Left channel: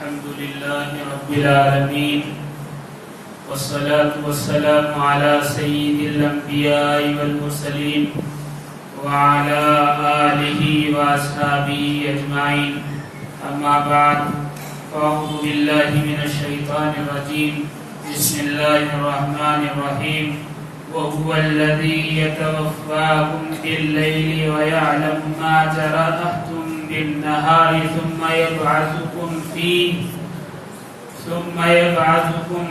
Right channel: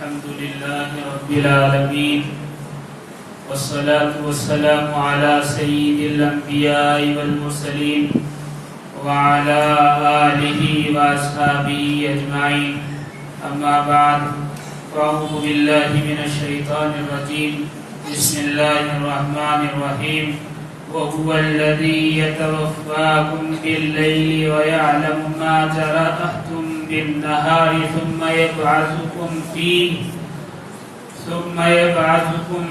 الحمد لله رب العالمين والصلاة والسلام على سيد الأنبياء والمرسلين وعلى آله وأصحابه أجمعين أما بعد فأعوذ بالله من الشيطان الرجيم بسم الله الرحمن الرحيم وهو الذي يتوفاكم بالليل ويعلم ما جرحتم بالنهار ثم يبعثكم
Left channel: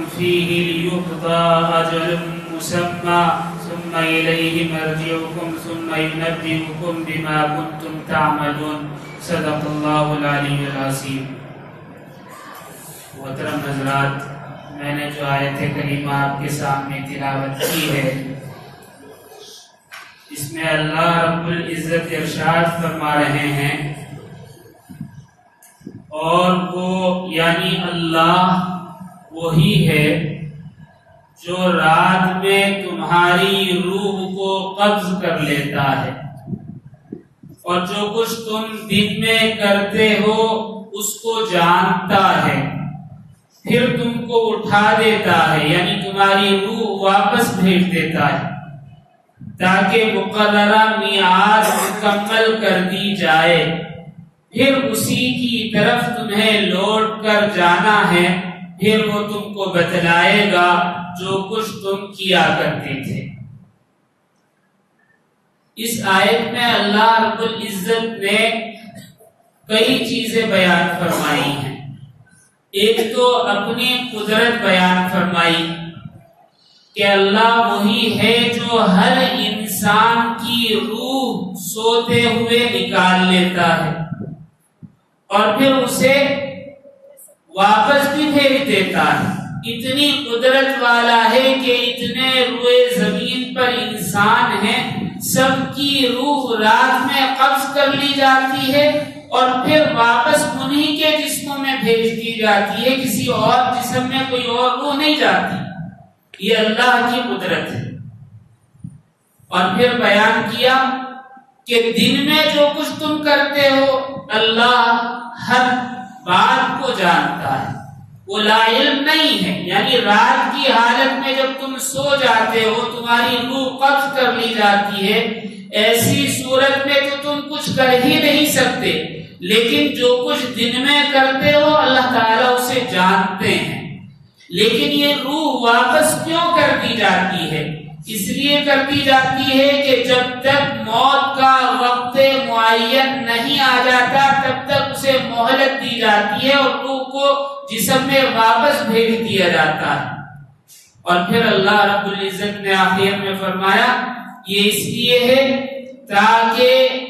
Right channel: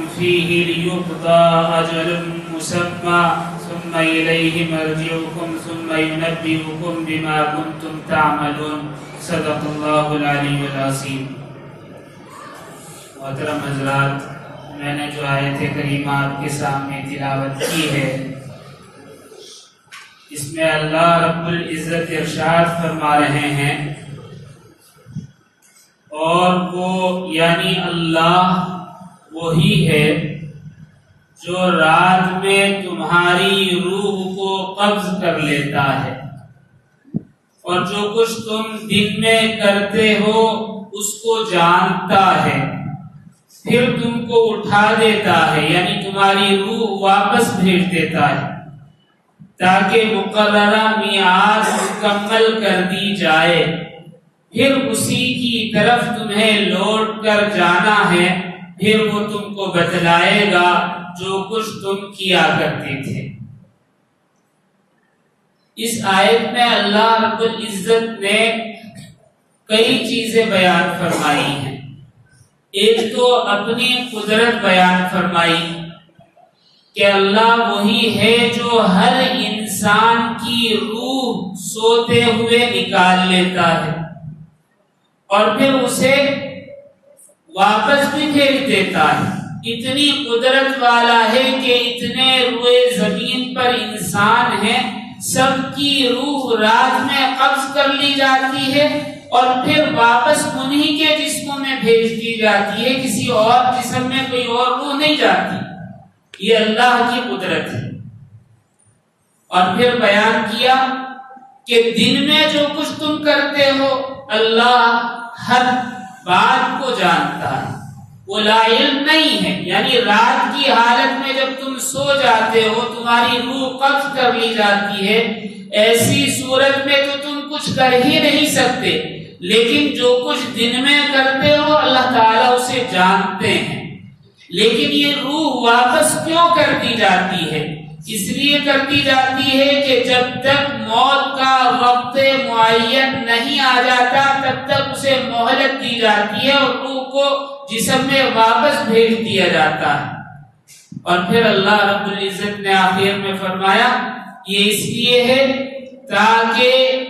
فيه ليقضى أجل مسمى ثم إليه مرجعكم ثم ينبئكم بما كنتم تعملون صدق الله العلي العظيم۔ محترم حضرات، میں نے جو آیت کریمہ آپ کے سامنے تلاوت کی ہے، اس میں اللہ رب العزت ارشاد فرما رہے ہیں، اور وہ یعنی اللہ وہی ہے جو رات میں تمہاری روح کو قبض کر لیتا ہے، اور جو کچھ تم دن میں کرتے ہو اس کو جانتا ہے، پھر تم کو اٹھا دیتا ہے، یعنی تمہاری روح واپس بھیج دیتا ہے تاکہ مقررہ میعاد مکمل کر دی جائے، پھر اسی کی طرف تمہیں لوٹ کر جانا ہے، پھر وہ تم کو بتلائے گا جو کچھ تم کیا کرتے تھے۔ اس آیت میں اللہ رب العزت نے کئی چیزیں بیان فرمائی ہیں۔ ایک تو اپنی قدرت بیان فرمائی کہ اللہ وہی ہے جو ہر انسان کی روح سوتے ہوئے نکال لیتا ہے اور پھر اسے واپس بھی بھیج دیتا ہے۔ اتنی قدرت والا ہے کہ اتنے روئے زمین پر انسان ہیں، سب کی روح رات میں قبض کر لی جاتی ہے اور پھر واپس انہی کے جسموں میں بھیج دی جاتی ہے، کسی اور جسم میں کوئی اور روح نہیں جاتی۔ یہ اللہ کی قدرت ہے۔ اور پھر بیان کیا کہ دن میں جو کچھ تم کرتے ہو اللہ ہر بات کو جانتا ہے، وہ لا علم نہیں ہے، یعنی رات کی حالت میں جب تم سو جاتے ہو تمہاری روح قبض کر لی جاتی ہے، ایسی صورت میں تو تم کچھ کر ہی نہیں سکتے، لیکن جو کچھ دن میں کرتے ہو اللہ تعالیٰ اسے جانتے ہیں۔ لیکن یہ روح واپس کیوں کر دی جاتی ہے؟ اس لیے کر دی جاتی ہے کہ جب تک موت کا وقت معین نہیں آ جاتا تب تک اسے مہلت دی جاتی ہے اور روح کو جسم میں واپس بھیج دیا جاتا ہے۔ اور پھر اللہ رب العزت نے آخر میں فرمایا یہ اس لیے ہے تاکہ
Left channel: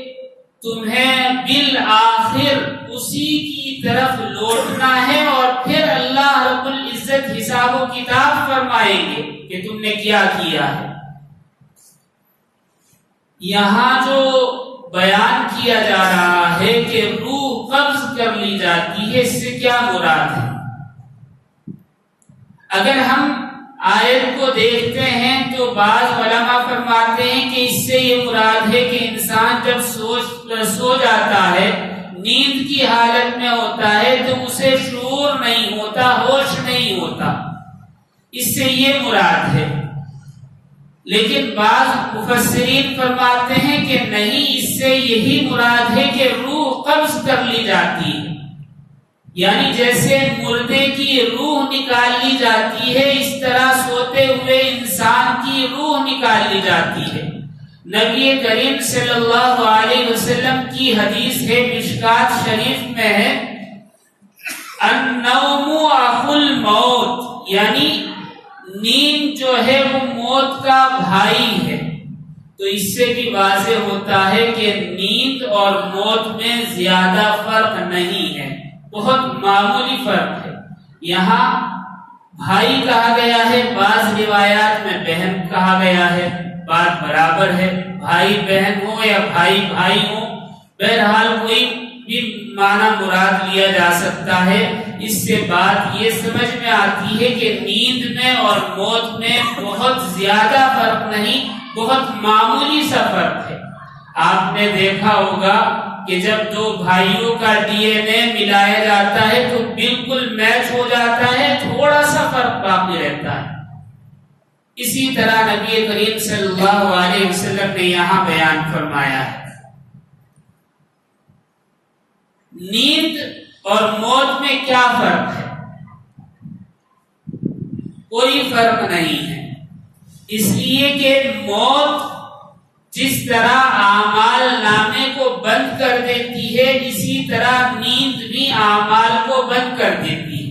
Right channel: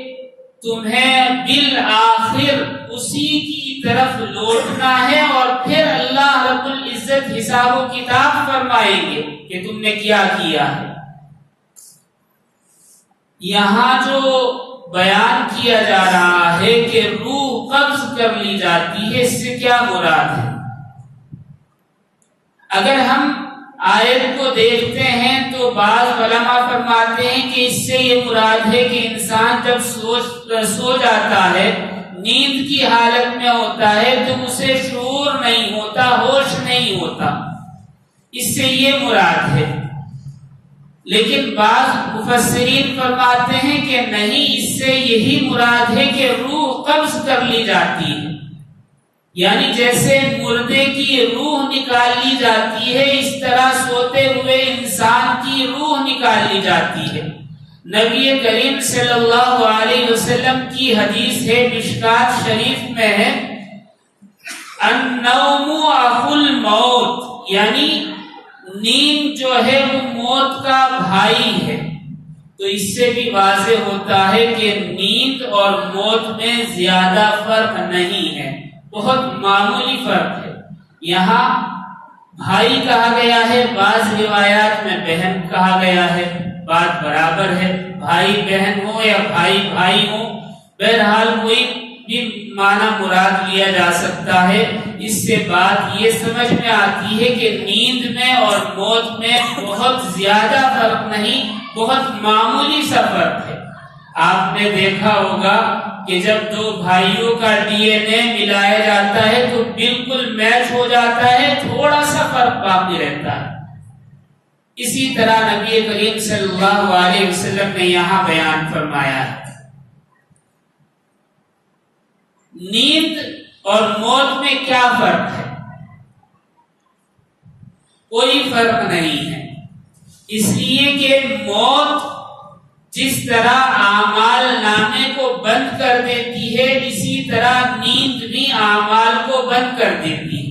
تمہیں بالآخر اسی کی طرف لوٹنا ہے اور پھر اللہ رب العزت حساب و کتاب فرمائیں گے کہ تم نے کیا کیا ہے۔ یہاں جو بیان کیا جا رہا ہے کہ روح قبض کر لی جاتی ہے، اس سے کیا مراد ہے؟ اگر ہم آیت کو دیکھتے ہیں تو بعض علماء فرماتے ہیں کہ اس سے یہ مراد ہے کہ انسان جب سو جاتا ہے، نیند کی حالت میں ہوتا ہے تو اسے شعور نہیں ہوتا، ہوش نہیں ہوتا، اس سے یہ مراد ہے۔ لیکن بعض مفسرین فرماتے ہیں کہ نہیں، اس سے یہی مراد ہے کہ روح قبض کر لی جاتی ہے، یعنی جیسے مردے کی روح نکال لی جاتی ہے اس طرح سوتے ہوئے انسان کی روح نکال لی جاتی ہے۔ نبی کریم صلی اللہ علیہ وسلم کی حدیث ہے، مشکات شریف میں ہے، النوم اخو الموت، یعنی نیند جو ہے وہ موت کا بھائی ہے۔ تو اس سے بھی واضح ہوتا ہے کہ نیند اور موت میں زیادہ فرق نہیں ہے، بہت معمولی فرق ہے۔ یہاں بھائی کہا گیا ہے، بعض روایات میں بہن کہا گیا ہے، بات برابر ہے، بھائی بہن ہو یا بھائی بھائی ہو، بہرحال کوئی بھی معنی مراد لیا جا سکتا ہے۔ اس سے بات یہ سمجھ میں آتی ہے کہ نیند میں اور موت میں بہت زیادہ فرق نہیں، بہت معمولی سا فرق ہے۔ آپ نے دیکھا ہوگا کہ جب دو بھائیوں کا ڈی این اے ملایا جاتا ہے تو بالکل میچ ہو جاتا ہے، تھوڑا سا فرق باقی رہتا ہے۔ اسی طرح نبی کریم صلی اللہ علیہ وسلم نے یہاں بیان فرمایا ہے نیند اور موت میں کیا فرق ہے؟ کوئی فرق نہیں ہے، اس لیے کہ موت جس طرح اعمال نامے کو بند کر دیتی ہے، اسی طرح نیند بھی اعمال کو بند کر دیتی ہے۔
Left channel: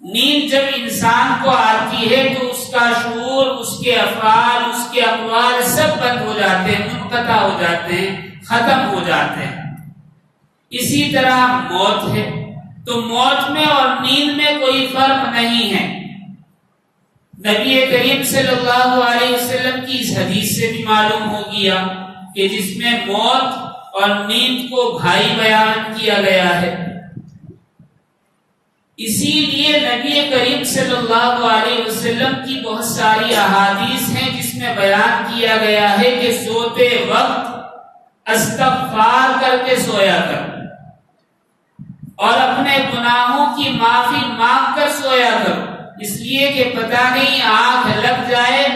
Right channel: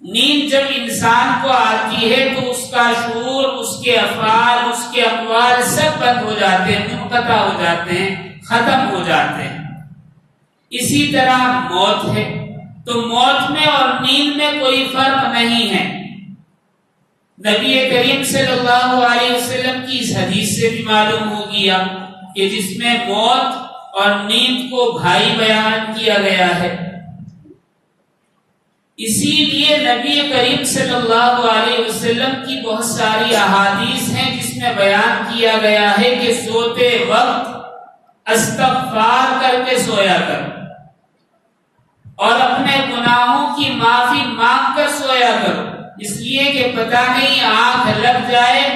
نیند جب انسان کو آتی ہے تو اس کا شعور، اس کے افعال، اس کے اقوال سب بند ہو جاتے ہیں، منقطع ہو جاتے ہیں، ختم ہو جاتے ہیں۔ اسی طرح موت ہے، تو موت میں اور نیند میں کوئی فرق نہیں ہے۔ نبی کریم صلی اللہ علیہ وسلم کی اس حدیث سے بھی معلوم ہو گیا کہ جس میں موت اور نیند کو بھائی بیان کیا گیا ہے۔ اسی لیے نبی کریم صلی اللہ علیہ وسلم کی بہت ساری احادیث ہیں جس میں بیان کیا گیا ہے کہ سوتے وقت استغفار کر کے سویا کر اور اپنے گناہوں کی معافی مانگ کر سویا کرو، اس لیے کہ پتہ نہیں آنکھ لگ جائے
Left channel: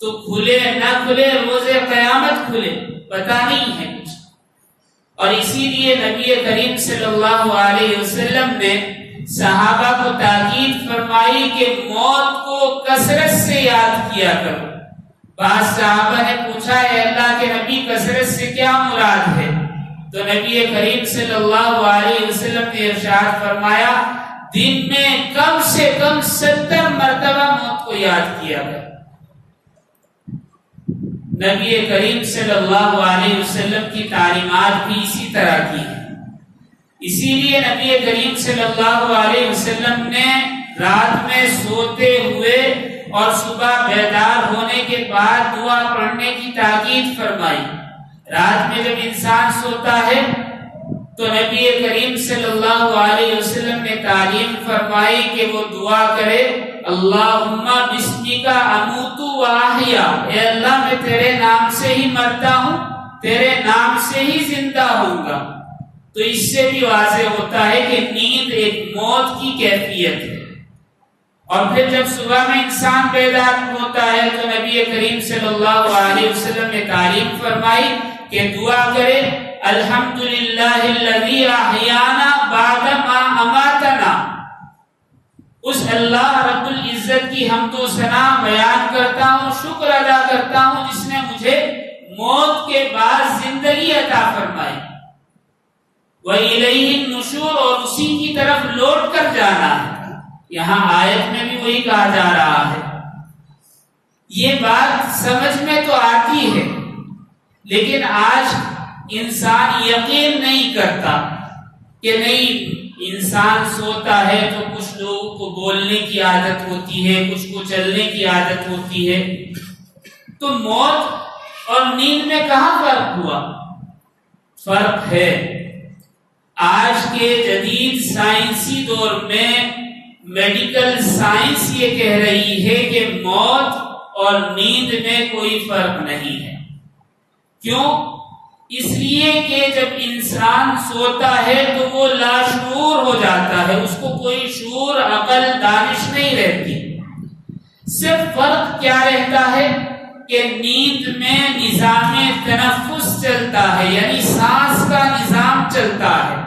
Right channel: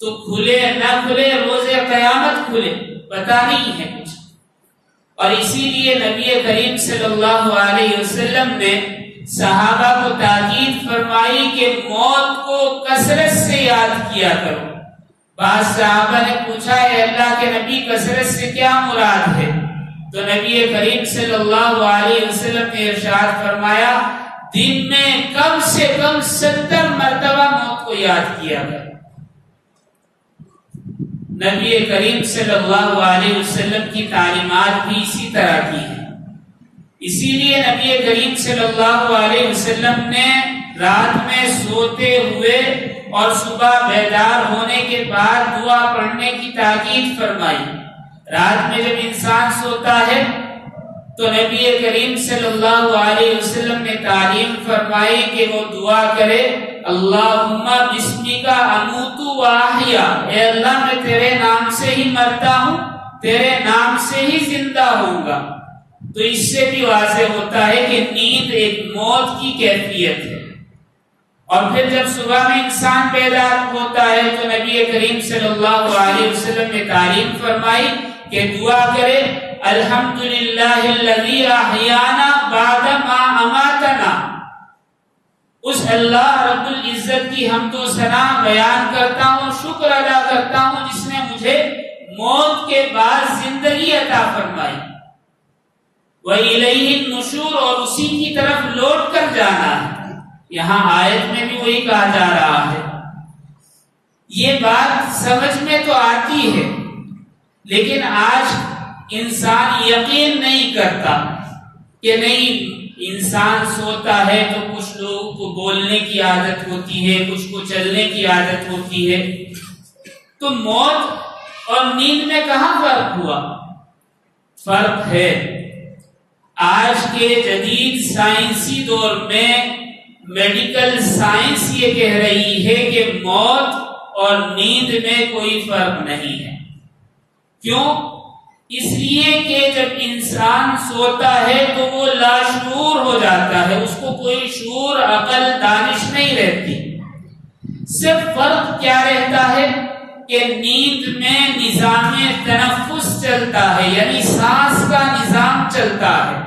تو کھلے نہ کھلے، روز قیامت کھلے، پتہ نہیں ہے کچھ۔ اور اسی لیے نبی کریم صلی اللہ علیہ وسلم نے صحابہ کو تاکید فرمائی کہ موت کو کثرت سے یاد کیا کرو۔ بعض صحابہ نے پوچھا اے اللہ کے نبی کثرت سے کیا مراد ہے؟ تو نبی کریم صلی اللہ علیہ وسلم نے ارشاد فرمایا دن میں کم سے کم 70 مرتبہ موت کو یاد کیا گیا۔ نبی کریم صلی اللہ علیہ وسلم کی تعلیمات بھی اسی طرح کی ہیں۔ اسی لیے نبی کریم صلی اللہ علیہ وسلم نے رات میں سوتے ہوئے اور صبح بیدار ہونے کے بعد دعا پڑھنے کی تاکید فرمائی۔ رات میں جب انسان سوتا ہے تو نبی کریم صلی اللہ علیہ وسلم نے تعلیم فرمائی کہ وہ دعا کرے اللہم بسمک اموت و احیا، اے اللہ میں تیرے نام سے ہی مرتا ہوں، تیرے نام سے ہی زندہ ہوں گا۔ تو اس سے بھی واضح ہوتا ہے کہ نیند ایک موت کی کیفیت ہے۔ اور پھر جب صبح میں انسان بیدار ہوتا ہے تو نبی کریم صلی اللہ علیہ وسلم نے تعلیم فرمائی کہ دعا کرے الحمدللہ الذی احیانا بعد ما اماتنا، اس اللہ رب العزت کی حمد و ثنا بیان کرتا ہوں، شکر ادا کرتا ہوں جس نے مجھے موت کے بعد زندگی عطا فرمائی۔ وَإِلَيْهِ النُّشُورُ، اور اسی کی طرف لوٹ کر جانا ہے۔ یہاں آیت میں بھی وہی کہا جا رہا ہے۔ یہ بات سمجھ میں تو آتی ہے لیکن آج انسان یقین نہیں کرتا کہ نہیں، انسان سوتا ہے تو کچھ لوگوں کو بولنے کی عادت ہوتی ہے، کچھ کو چلنے کی عادت ہوتی ہے۔ تو موت اور نیند میں کہاں فرق ہوا؟ فرق ہے۔ آج کے جدید سائنسی دور میں میڈیکل سائنس یہ کہہ رہی ہے کہ موت اور نیند میں کوئی فرق نہیں ہے۔ کیوں؟ اس لیے کہ جب انسان سوتا ہے تو وہ لاشعور ہو جاتا ہے، اس کو کوئی شعور، عقل، دانش نہیں رہتی۔ صرف فرق کیا رہتا ہے کہ نیند میں نظام تنفس چلتا ہے، یعنی سانس کا نظام چلتا ہے۔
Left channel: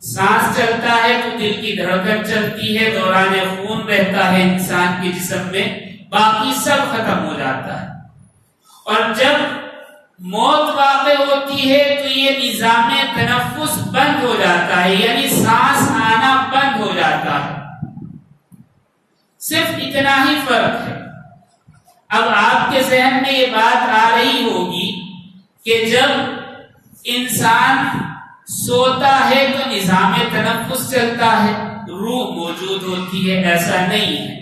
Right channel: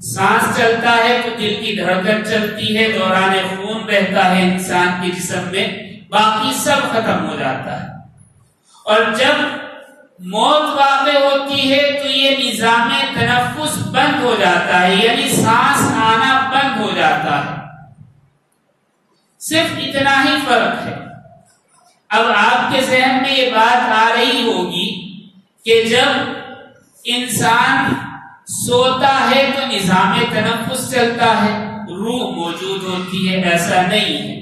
سانس چلتا ہے تو دل کی دھڑکن چلتی ہے، دوران خون بہتا ہے انسان کے جسم میں، باقی سب ختم ہو جاتا ہے۔ اور جب موت واقع ہوتی ہے تو یہ نظام تنفس بند ہو جاتا ہے، یعنی سانس آنا بند ہو جاتا ہے۔ صرف اتنا ہی فرق ہے۔ اب آپ کے ذہن میں یہ بات آ رہی ہوگی کہ جب انسان سوتا ہے تو نظام تنفس چلتا ہے، روح موجود ہوتی ہے، ایسا نہیں ہے۔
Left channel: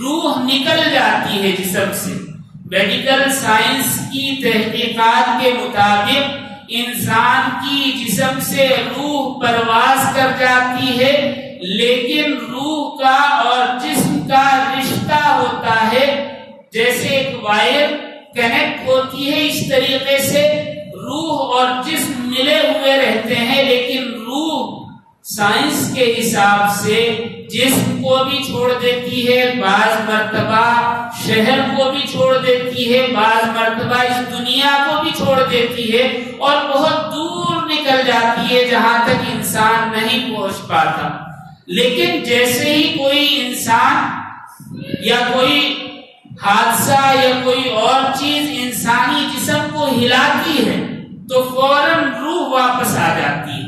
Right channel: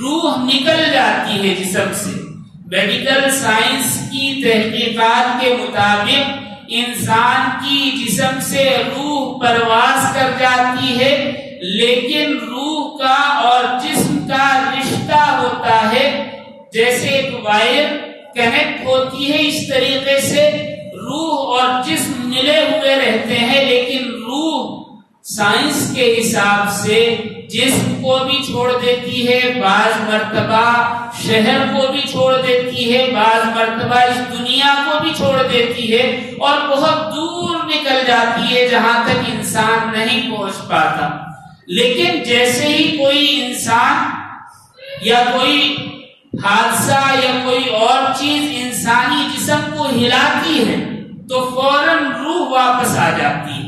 روح نکل جاتی ہے جسم سے۔ میڈیکل سائنس کی تحقیقات کے مطابق انسان کی جسم سے روح پرواز کر جاتی ہے، لیکن روح کا اور جسم کا رشتہ ہوتا ہے جیسے ایک وائر کنیکٹ ہوتی ہے، اس طریقے سے روح اور جسم ملے سائنس کے حساب سے جسم کو بھی چھوڑ دیتی ہے، بعض مرتبہ شہر کو بھی چھوڑ دیتی ہے، بعض مرتبہ اس دنیا کو بھی چھوڑ دیتی ہے اور بہت دور نکل جاتی ہے جہاں تک انسان نہیں پہنچ پاتا۔ لیکن جیسے ہی کوئی انسان یا کوئی حادثہ یا کوئی اور چیز انسانی جسم کو ہلاتی ہے تو فوراً روح واپس آ جاتی ہے۔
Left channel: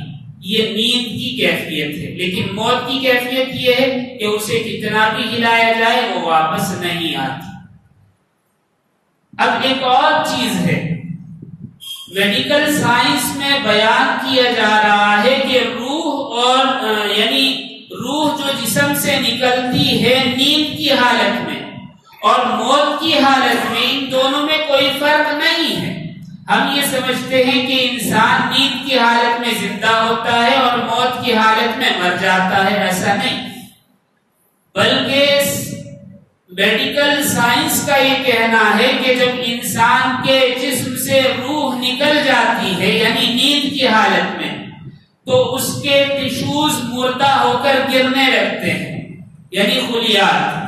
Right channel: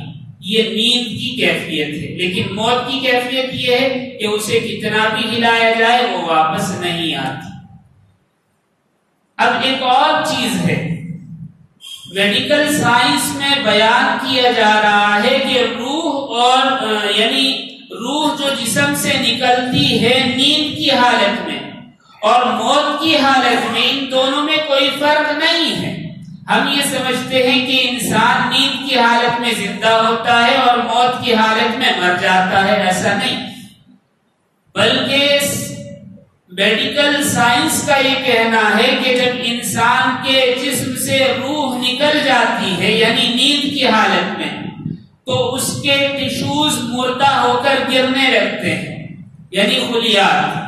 یہ نیند کی کیفیت ہے، لیکن موت کی کیفیت یہ ہے کہ اسے کتنا بھی ہلایا جائے وہ واپس نہیں آتی۔ اب ایک اور چیز ہے، میڈیکل سائنس میں بیان کیا جا رہا ہے کہ روح اور یعنی روح جو جسم سے نکلتی ہے نیند کی حالت میں اور موت کی حالت میں، ان دونوں میں کوئی فرق نہیں ہے۔ ہم یہ سمجھتے ہیں کہ انسان نیند کی حالت میں زندہ ہوتا ہے اور موت کی حالت میں مر جاتا ہے، ایسا نہیں، بلکہ میڈیکل سائنس کا یہ کہنا ہے کہ جب انسان کے جسم سے روح نکل جاتی ہے یعنی نیند کی حالت میں، تو اس کے ٹشوز مردہ ہو کر گرنے لگتے ہیں، یعنی خلیات،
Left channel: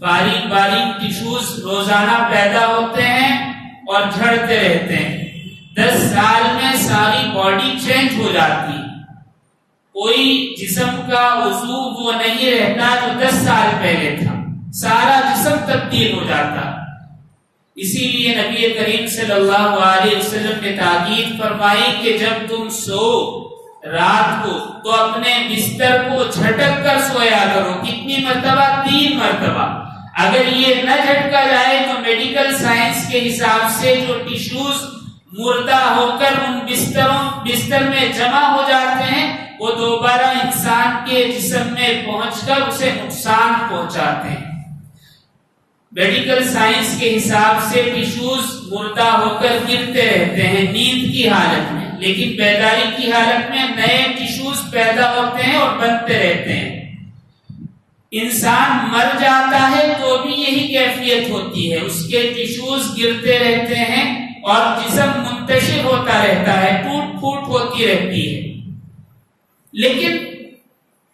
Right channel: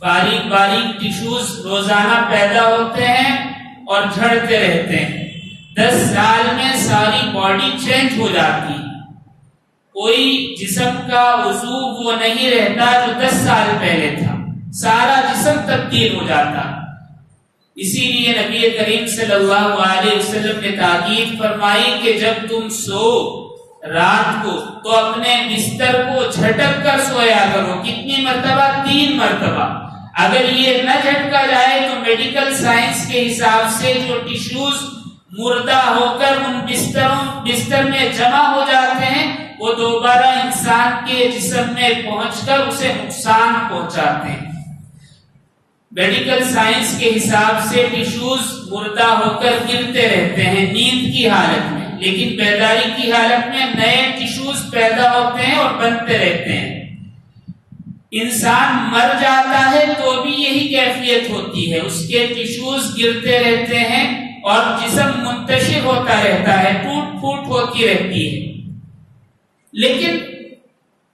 باریک باریک ٹشوز روزانہ پیدا ہوتے ہیں اور جھڑتے رہتے ہیں۔ 10 سال میں ساری باڈی چینج ہو جاتی ہے، کوئی جسم کا عضو وہ نہیں رہتا جو 10 سال پہلے تھا، سارا جسم تبدیل ہو جاتا۔ اسی لیے نبی کریم صلی اللہ علیہ وسلم نے تاکید فرمائی کہ جب تم سو رات کو تو اپنے بستر کو جھٹک کر سویا کرو۔ کتنی مرتبہ؟ 3 مرتبہ۔ اگر یہ نہ جھٹکا جائے تو میڈیکل سائنس کے حساب سے جو ٹشوز مردہ ہو کر ان بستر میں جمع ہو جاتے ہیں وہ دوبارہ انسان کے جسم میں پہنچ کر اسے نقصان پہنچاتے ہیں۔ میڈیکل سائنس کے حساب سے ٹشوز مردہ ہو کر گرتے رہتے ہیں نیند کی حالت میں، لیکن بیداری کی حالت میں نئے ٹشوز پیدا ہوتے ہیں اور بنتے رہتے ہیں۔ انسان مر جاتا ہے تو بھی یہی کیفیت ہوتی ہے، اس کے ٹشوز گرتے رہتے ہیں اور جسم منتشر ہوتا رہتا ہے، ٹوٹ پھوٹ ہوتی رہتی ہے۔ لیکن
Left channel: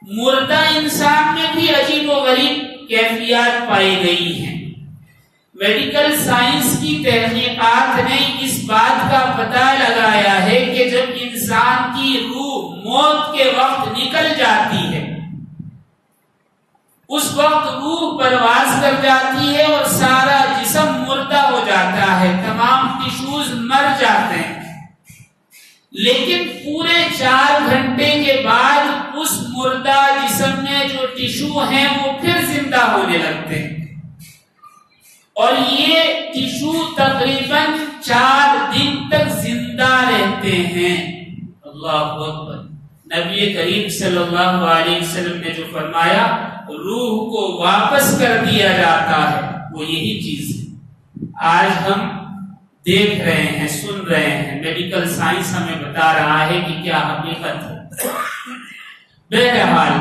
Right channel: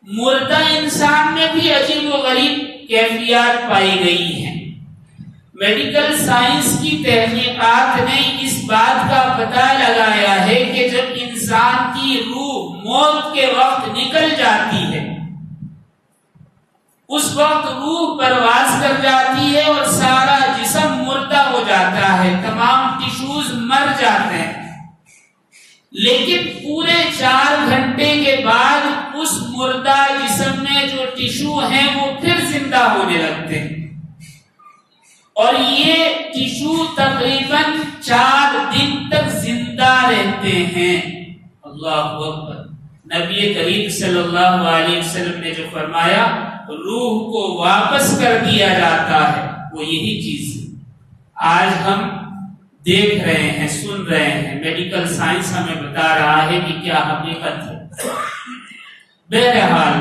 مردہ انسان میں بھی عجیب و غریب کیفیات پائی گئی ہیں۔ میڈیکل سائنس کی تحقیقات نے اس بات کا پتہ لگایا ہے کہ جب انسان کی روح موت کے وقت نکل جاتی ہے، اس وقت روح پرواز کر جاتی ہے اور سارا جسم مردہ ہو جاتا ہے، تمام ٹشوز مر جاتے ہیں، لیکن پورے 4 گھنٹے کے بعد اس مردہ جسم میں جو ٹشو ہیں وہ پھر زندہ ہونے لگتے ہیں، اور یہ ٹشو تقریباً 4 دن تک زندہ رہتے ہیں۔ اللہ اکبر۔ نبی کریم صلی اللہ علیہ وسلم نے جو فرمایا روح کو واپس کر دیا جاتا ہے وہ یہی چیز ہے۔ آج ہم دیکھ رہے ہیں، سن رہے ہیں، میڈیکل سائنس ہمیں بتا رہا ہے کہ کیا حقیقت ہے۔ بہرحال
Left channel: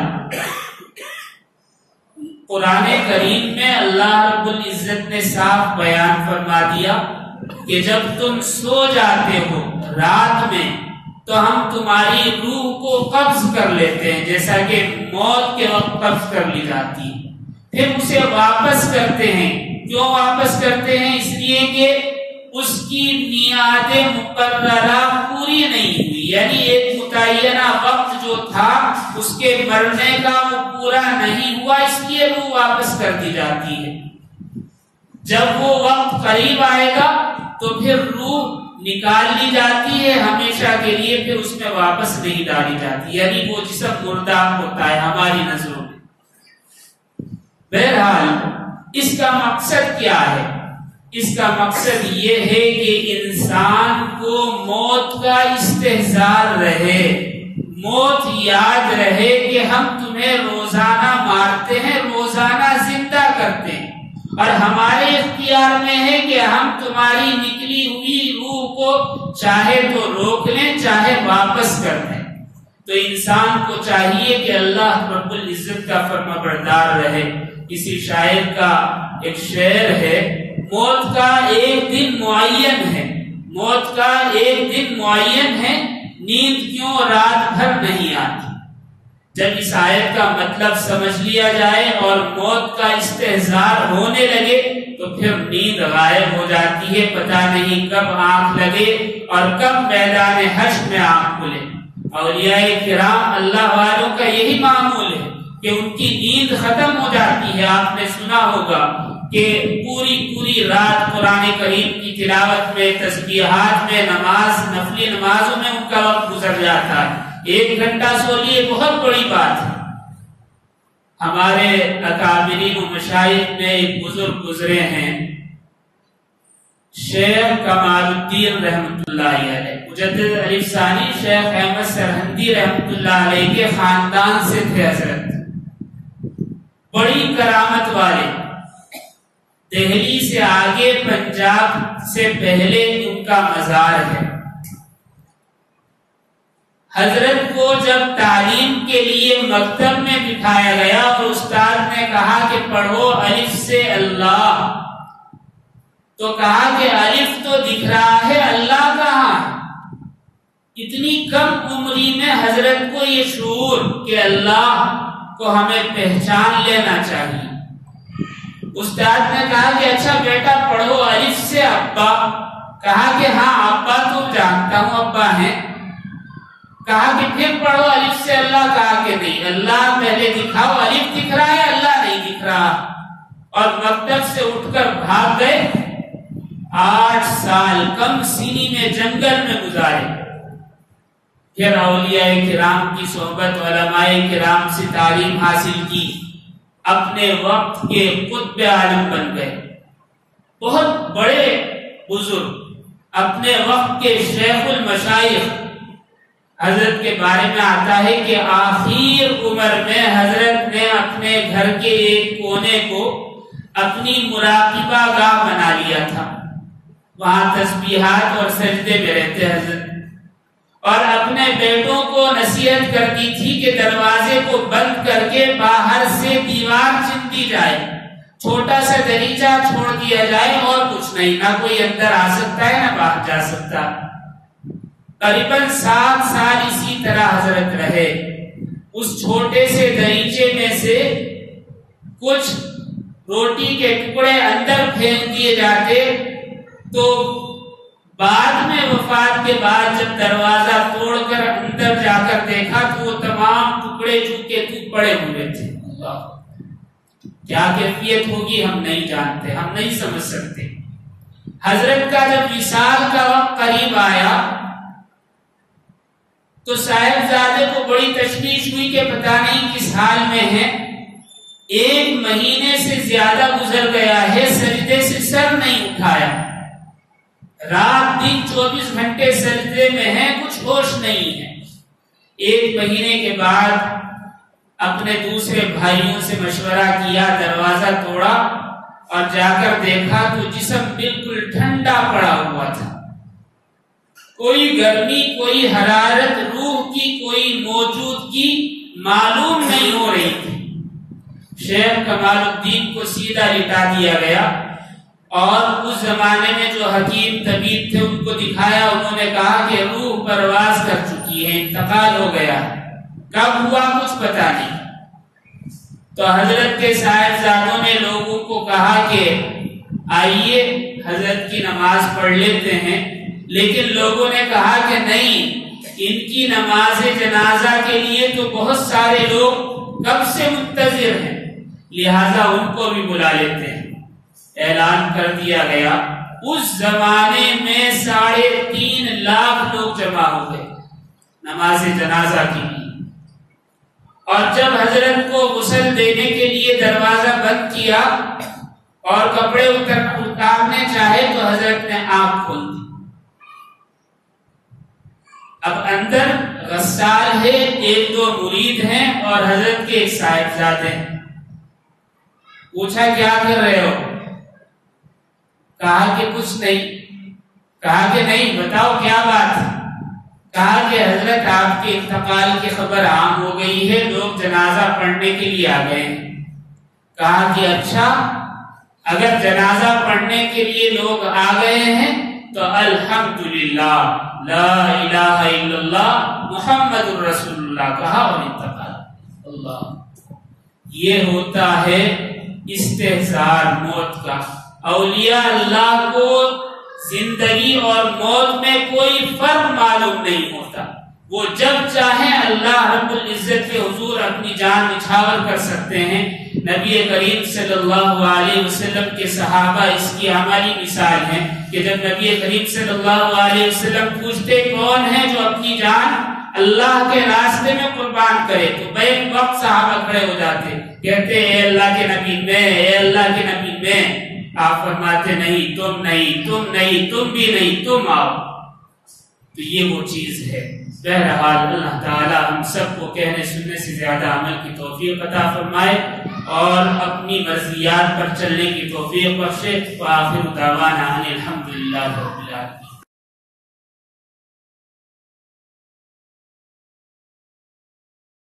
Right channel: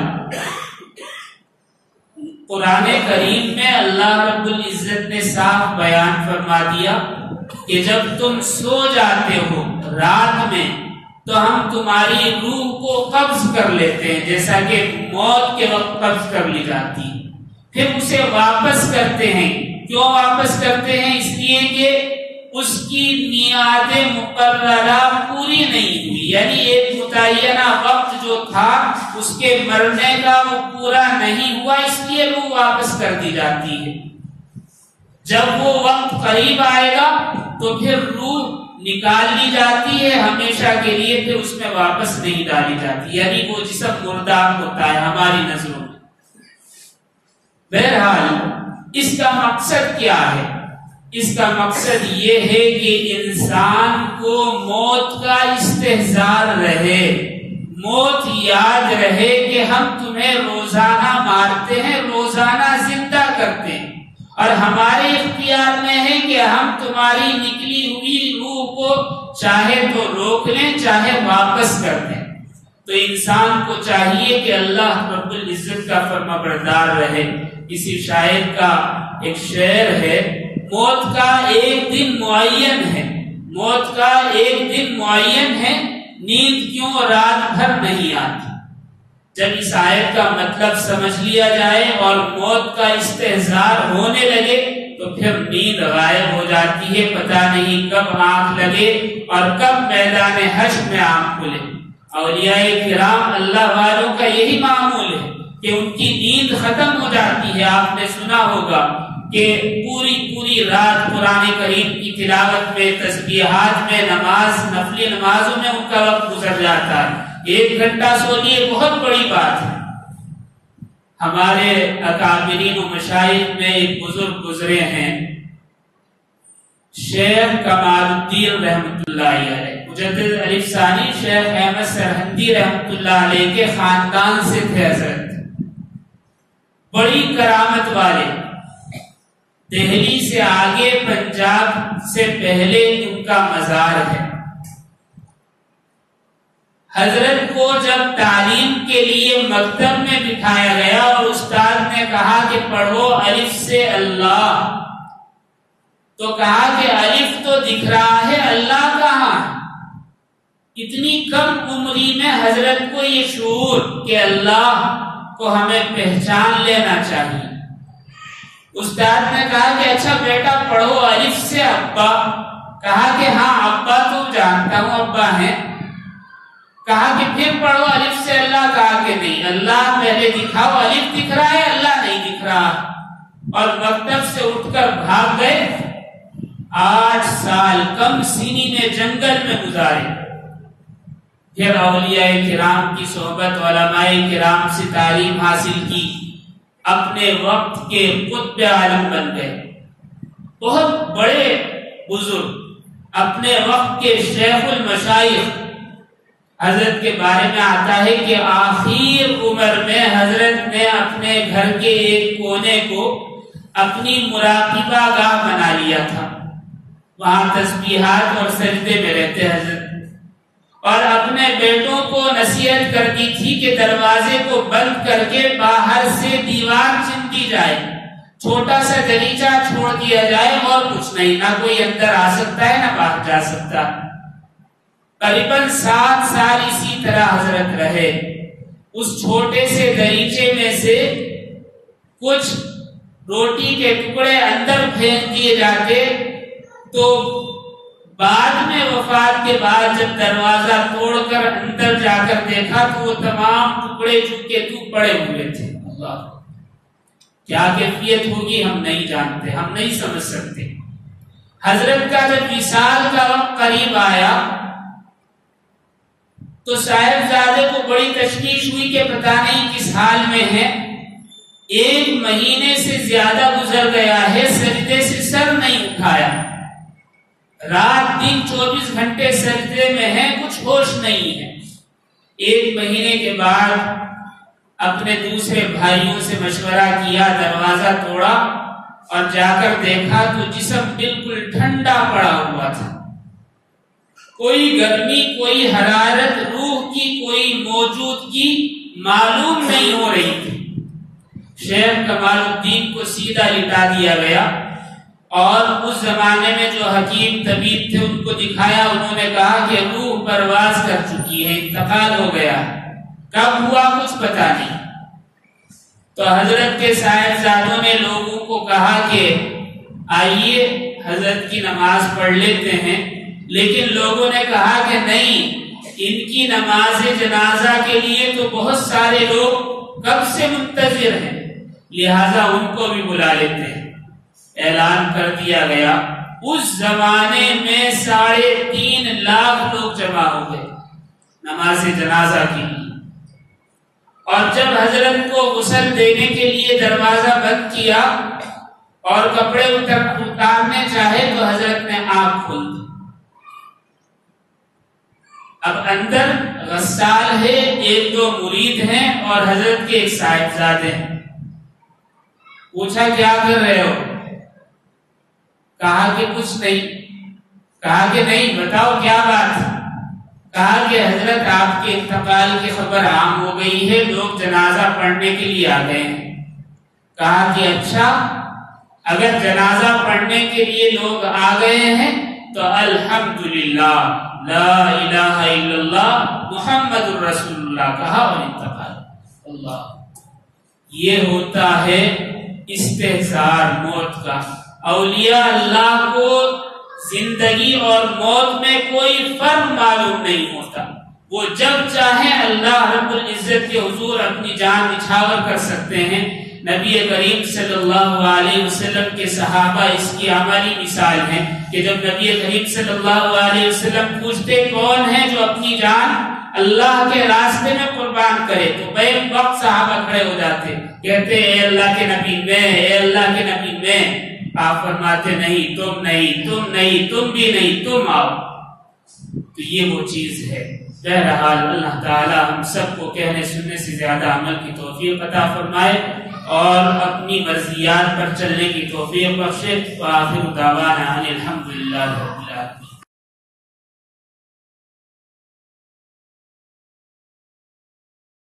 قرآن کریم میں اللہ رب العزت نے صاف بیان فرما دیا کہ جب تم سو جاتے ہو رات میں تو ہم تمہاری روح کو قبض کر لیتے ہیں، جیسا کہ موت کے وقت قبض کر لی جاتی ہے، پھر اسے واپس کرتے ہیں۔ کیوں واپس کرتے ہیں؟ اس لیے کہ اس کی میعاد مقررہ پوری نہیں ہوئی، یعنی ایک متعینہ وقت جو تھا اس کے مرنے کا وہ پورا نہیں ہوا، اس لیے روح واپس کر دی جاتی ہے۔ جب وہ وقت قریب آئے گا تو پھر روح نکال لی جاتی ہے ہمیشہ کے لیے، پھر اس میں واپس نہیں ڈالی جاتی، یعنی وہ جسم مردہ ہوتا ہے ہماری نظروں میں۔ بہرحال اس کا مقصد کیا ہے؟ اس کا مقصد یہ ہے کہ انسان کو موت کا استحضار رہے، موت یاد رہے کہ ہم تمہیں روزانہ مارتے ہیں، روزانہ زندہ کرتے ہیں، اور ہمارے اختیار میں ہے کہ ہم تمہاری نکلی ہوئی روح کو چاہے تو روک لیں چاہے واپس کر دیں۔ تو انسان کو چاہیے کہ اللہ رب العزت کا فرما بردار رہے۔ کسی شاعر کا ایک شعر ہے، موت کا ایک دن معین ہے، موت کا ایک دن معین ہے، نیند کیوں رات بھر نہیں آتی۔ جب اس آیت کا مطلب سمجھ لیا جائے اور موت کا استحضار ہونے لگے تو پھر نیند غائب ہو جاتی ہے، پتہ نہیں کب آنکھ لگے اور کب میدان حشر میں آنکھ کھلے۔ اولیاء کرام اللہ والوں کا یہی معمول ہے کہ ان کی نیند ختم ہو جاتی ہے۔ آپ نے سنا ہوگا کہ پوری رات قرآن کریم کی تلاوت میں، تسبیحات میں، نفلی نمازوں میں ان کا وقت گزر جاتا ہے۔ 1 گھنٹہ سو لیے بہت بڑی بات ہے۔ ہمارے اکابرین و مشائخ میں ایک بزرگ گزرے ہیں، شیخ کمال الدین رحمت اللہ علیہ، مجدد الف ثانی شیخ احمد سرہندی رحمت اللہ علیہ کے خاندان سے تھے حضرت، بڑی کرامت والے۔ دہلی سے آگے پنجاب سے پہلے ان کا مزار ہے۔ حضرت کو جب تعلیم کے لیے مکتب میں بٹھایا گیا اور استاد نے کہا کہ پڑھو الف سے اللہ، تو کہا کہ الف تو دکھ رہا ہے، اللہ کہاں ہے؟ اتنی کم عمری میں حضرت کو یہ شعور کہ اللہ کو ہمیں پہچان لینا چاہیے۔ استاد نے کہا کہ اچھا بیٹا پڑھو الف سے ابا۔ کہا کہ ہاں ابا تو جانتا ہوں ابا ہیں۔ کہا کہ پھر پڑھو الف سے اللہ۔ کہا کہ نہیں، اللہ پہلے دکھاؤ، الف دکھ رہا ہے اللہ نہیں دکھ رہا۔ اور مکتب سے اٹھ کر بھاگ گئے۔ 8 سال کم سینی میں جنگل میں گزارے۔ پھر اولیاء کرام کی صحبت، علماء کرام سے تعلیم حاصل کی، اپنے وقت کے قطب عالم بن گئے، بہت بڑے بزرگ، اپنے وقت کے شیخ المشائخ۔ حضرت کے بارے میں آتا ہے کہ آخر عمر میں حضرت نے اپنے گھر کے ایک کونے کو اپنی مراقبہ گاہ بنا لیا تھا، وہاں تسبیحات اور سجدے میں رہتے حضرت، اور اپنے بیٹوں کو نصیحت کرتی تھی کہ دروازے کو بند کر کے باہر سے دیوار چن دی جائے، چھوٹا سا دریچہ چھوڑ دیا جائے اور کچھ نہیں، نہ کوئی اندر آ سکتا ہے نہ باہر جا سکتا۔ قریباً 7 سال اسی طرح حضرت رہے۔ اس چھوٹے سے دریچے میں سے کچھ روٹی کے ٹکڑے اندر پھینک دیے جاتے، تو بعد میں وفات کے بعد جب دروازہ توڑ کر اندر جا کر دیکھا تو وہ تمام ٹکڑے چکے تو پڑے ہوئے تھے۔ اللہ، کیا کیفیت ہوگی ہم نہیں جانتے، ہم نہیں سمجھ سکتے۔ حضرت کا جب وصال کا وقت قریب آیا تو صاحبزادے کو بڑی تشویش ہوئی کہ پتہ نہیں کس حال میں ہے۔ 1 مہینے سے زیادہ گزر گیا ہے، سجدے سے سر نہیں اٹھایا، رات دن 24 گھنٹے سجدے میں ہے، کچھ ہوش نہیں ہے۔ 1 مہینے کے بعد اپنے دوسرے بھائیوں سے مشورہ کیا، دروازہ توڑا اور جا کر دیکھا تو جسم بالکل ٹھنڈا پڑا ہوا تھا، کوئی گرمی، کوئی حرارت، روح کی کوئی موجودگی معلوم نہیں ہو رہی تھی۔ شیخ کمال الدین کو سیدھا لٹا دیا گیا اور اس زمانے میں جو حکیم طبیب تھے ان کو دکھایا، انہوں نے کہا کہ روح پرواز کر چکی ہے، انتقال ہو گیا، کب ہوا کچھ پتہ نہیں۔ تو حضرت کے صاحبزادوں نے لوگوں کو کہا کہ آئیے حضرت کی نماز پڑھ لیتے ہیں، لیکن لوگوں نے کہا کہ نہیں، ان کی نماز جنازہ کے لیے تو بہت سارے لوگ کب سے منتظر ہیں، لہذا ان کو بھی بلا لیتے ہیں۔ اعلان کر دیا گیا، اس زمانے میں 3.5 لاکھ لوگ جمع ہو گئے نماز جنازہ کے لیے۔ اور جب حضرت کو غسل دینے کے لیے دروازہ بند کیا اور کپڑے اتارنے چاہے تو حضرت نے آنکھ کھول دی۔ اب اندر غسال ہے، 1-2 مرید ہیں اور حضرت کے ایک صاحبزادے ہیں۔ پوچھا کیا کر رہے ہو؟ کہا کہ کچھ نہیں۔ کہا کہ نہیں، بتاؤ کیا بات ہے؟ کہا کہ حضرت آپ کے انتقال کی خبر عام ہو گئی ہے، لوگ جنازہ پڑھنے کے لیے آ گئے ہیں۔ کہا کہ اچھا، اگر جنازہ پڑھنے کے لیے لوگ آ گئے ہیں تو الحمدللہ، لا الہ الا اللہ محمد الرسول اللہ کہا اور انتقال۔ اللہ. یہ ہوتا ہے استحضار موت کا. اولیاء اللہ کو زندگی اور موت میں کوئی فرق معلوم نہیں ہوتا. وہ جب چاہیں اللہ رب العزت کے حضور اپنی جان نچھاور کر سکتے ہیں. نبی کریم صلی اللہ علیہ وسلم کے صحابہ اس کی عملی مثال ہیں کہ جب نبی کریم صلی اللہ علیہ وسلم پوچھتے کون ہے جو اپنی جان اللہ کے راستے میں قربان کرے تو بیک وقت صحابہ کھڑے ہو جاتے, کہتے اے اللہ کے نبی میں, اے اللہ کے نبی میں. آپ فرماتے نہیں, تم نہیں, تم نہیں, تم بھی نہیں, تم آؤ. تو یہ وہ چیز ہے. بہرحال اللہ تعالی ہم سب کو کہنے سننے سے زیادہ عمل کی توفیق عطا فرمائے اور اپنی مرضیات پر چلنے کی توفیق بخشے. وآخر دعوانا ان الحمدللہ رب العالمین.